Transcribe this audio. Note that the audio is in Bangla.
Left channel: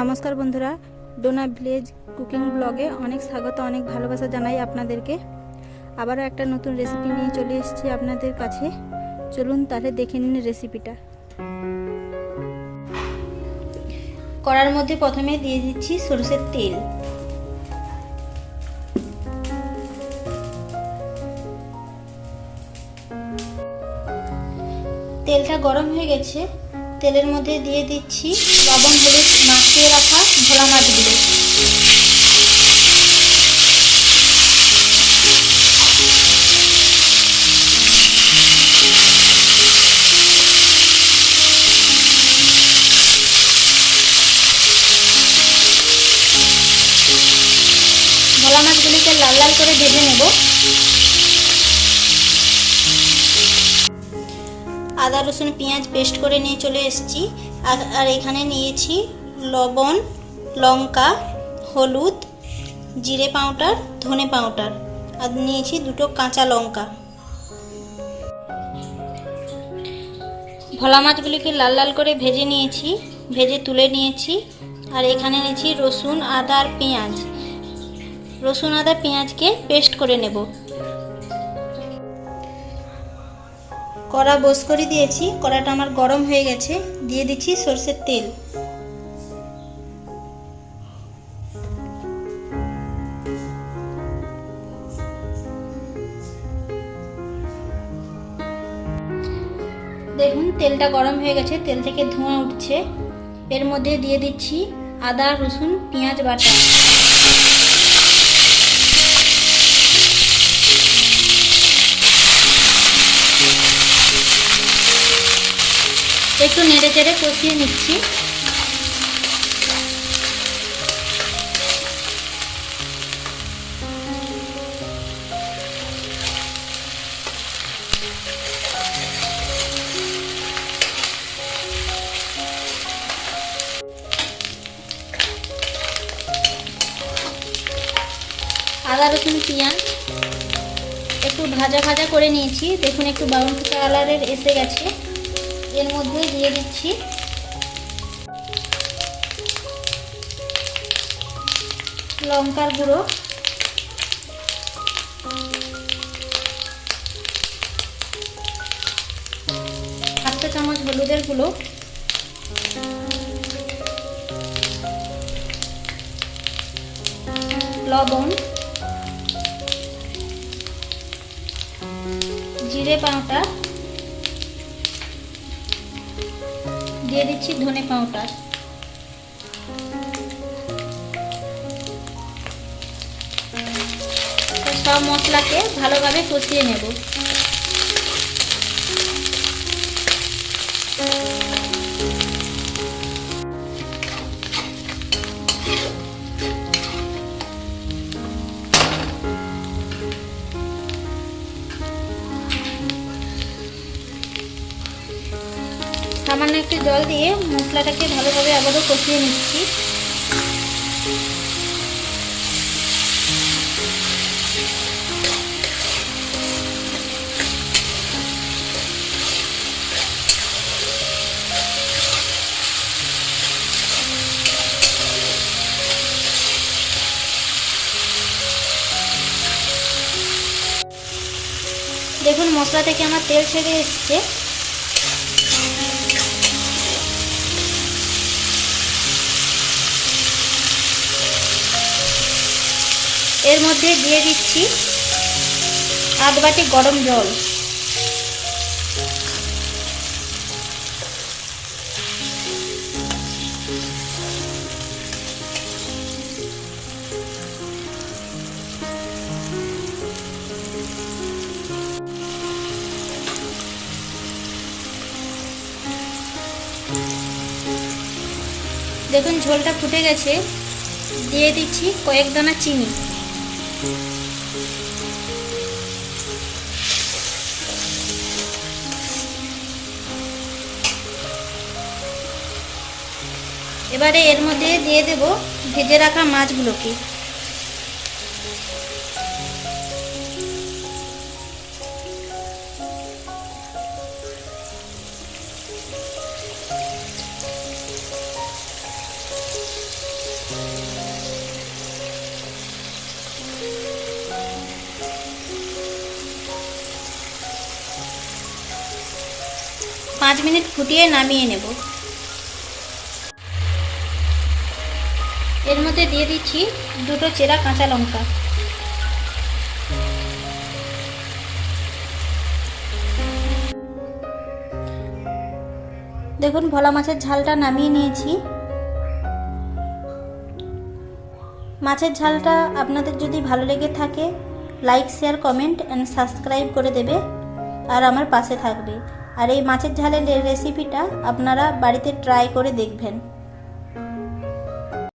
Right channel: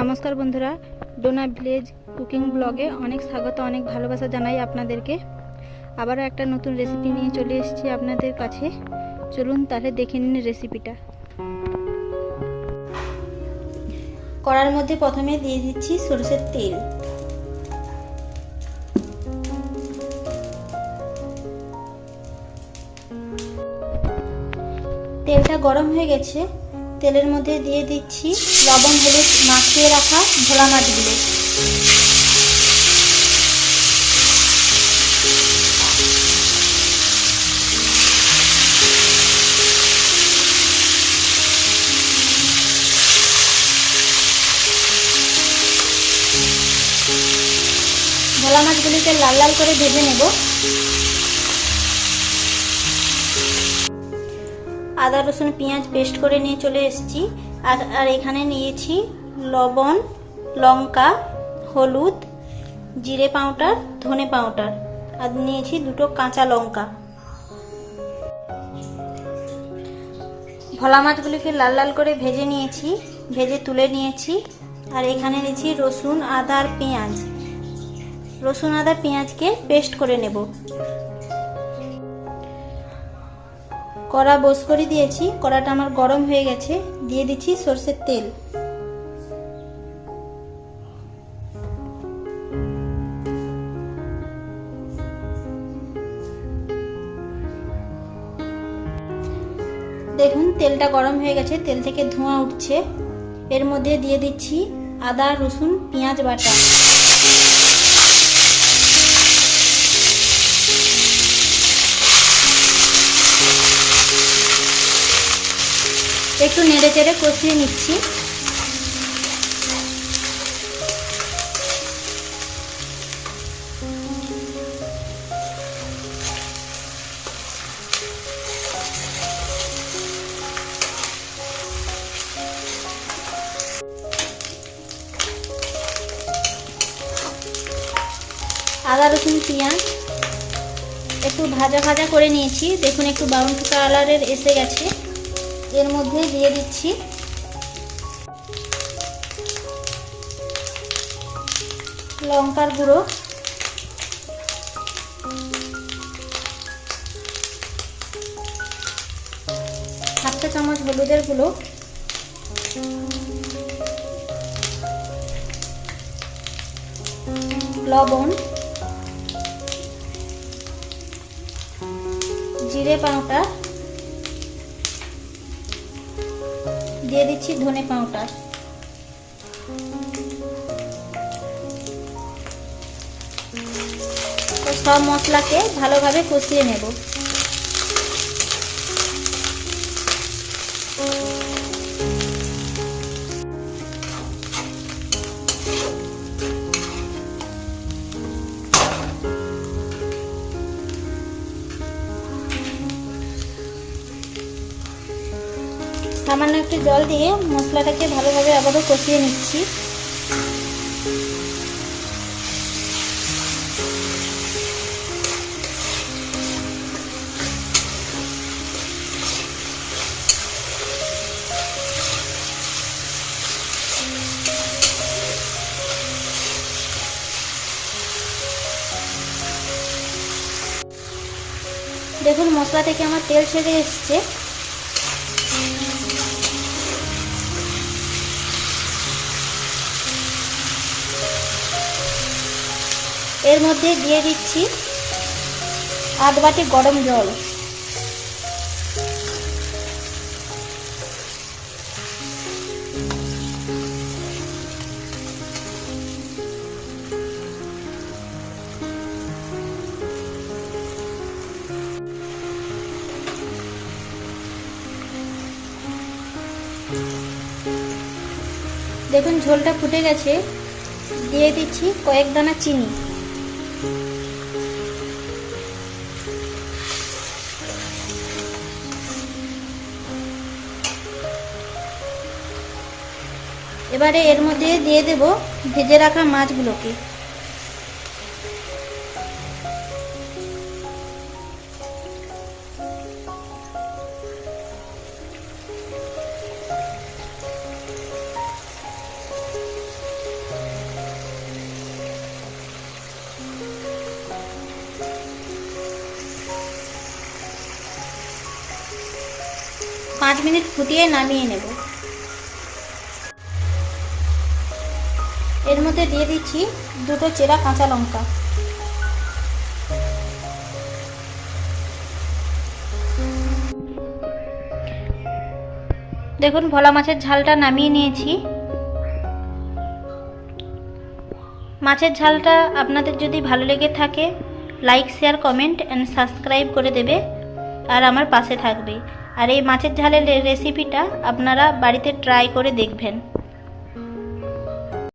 নমস্কার বন্ধুরা, ডোনা ভিলেজ কুকিং ব্লগে অনেক স্বাগত, অনেক ভালোবাসা জানাই আপনাদেরকে। আবারও একটা নতুন রেসিপি নিয়ে চলে এসেছি আপনাদের কাছে। চলুন তাহলে দেখে নিন রেসিপিটা। কড়ার মধ্যে প্রথমে দিয়ে দিচ্ছি সরষের তেল। তেলটা গরম হয়ে গেছে, তেলের মধ্যে দিয়ে দিচ্ছি লবণ হলুদ মাখিয়ে রাখা ভোলা মাছগুলো। ভোলা মাছগুলিকে লাল লাল করে ভেজে নেব। আদা রসুন পেঁয়াজ পেস্ট করে নিয়ে চলে এসেছি। আর এখানে নিয়েছি লবণ, লঙ্কা, হলুদ, জিরে পাউডার, ধনে পাউডার, আর নিয়েছি দুটো কাঁচা লঙ্কা। ভোলা মাছগুলিকে লাল লাল করে ভেজে নিয়েছি, ভেজে তুলে নিয়েছি। আর এখানে নিয়েছি রসুন আদা আর পেঁয়াজ। রসুন আদা পেঁয়াজকে পেস্ট করে নেব। কড়া বস করে দিয়েছি, কড়াটা আমার গরম হয়ে গেছে। দিয়ে দিচ্ছি সরষের তেল। দেখুন তেলটা গরম হয়ে গেছে, তেল থেকে ধোঁয়া উঠছে। এর মধ্যে দিয়ে দিচ্ছি আদা রসুন পেঁয়াজ বাটা। একটু নেড়ে চেড়ে কষিয়ে নিচ্ছি। আদা রসুন পেঁয়াজ একটু ভাজা ভাজা করে নিয়েছি। দেখুন একটু ব্রাউন কালারের এসে গেছে। এর মধ্যে দিয়ে দিচ্ছি লঙ্কার গুঁড়ো, হাফ চা চামচ হলুদের গুঁড়ো, লবণ, জিরে পাউডার, দিয়ে দিচ্ছি ধনে পাউডার। সব মশলাকে ভালোভাবে কষিয়ে নেব। সামান্য একটু জল দিয়ে মশলাটাকে ভালোভাবে আবারও কষিয়ে নিচ্ছি। দেখুন মশলা থেকে আমার তেল ছেড়ে এসছে। এর মধ্যে দিয়ে দিচ্ছি আধ বাটি গরম জল। দেখুন ঝোলটা ফুটে গেছে। দিয়ে দিচ্ছি কয়েক দানা চিনি। এবারে এর মধ্যে দিয়ে দেব ভেজে রাখা মাছগুলোকে। 5 মিনিট ফুটিয়ে নামিয়ে নেব। এর মধ্যে দিয়ে দিচ্ছি 2টো চেরা কাঁচা লঙ্কা। দেখুন ভোলা মাছের ঝালটা নামিয়ে নিয়েছি। মাছের ঝালটা আপনাদের যদি ভালো লেগে থাকে like share comment and subscribe করে দেবে আর আমার পাশে থাকবে। আর এই মাছের ঝালের রেসিপিটা আপনারা বাড়িতে ট্রাই করে দেখবেন।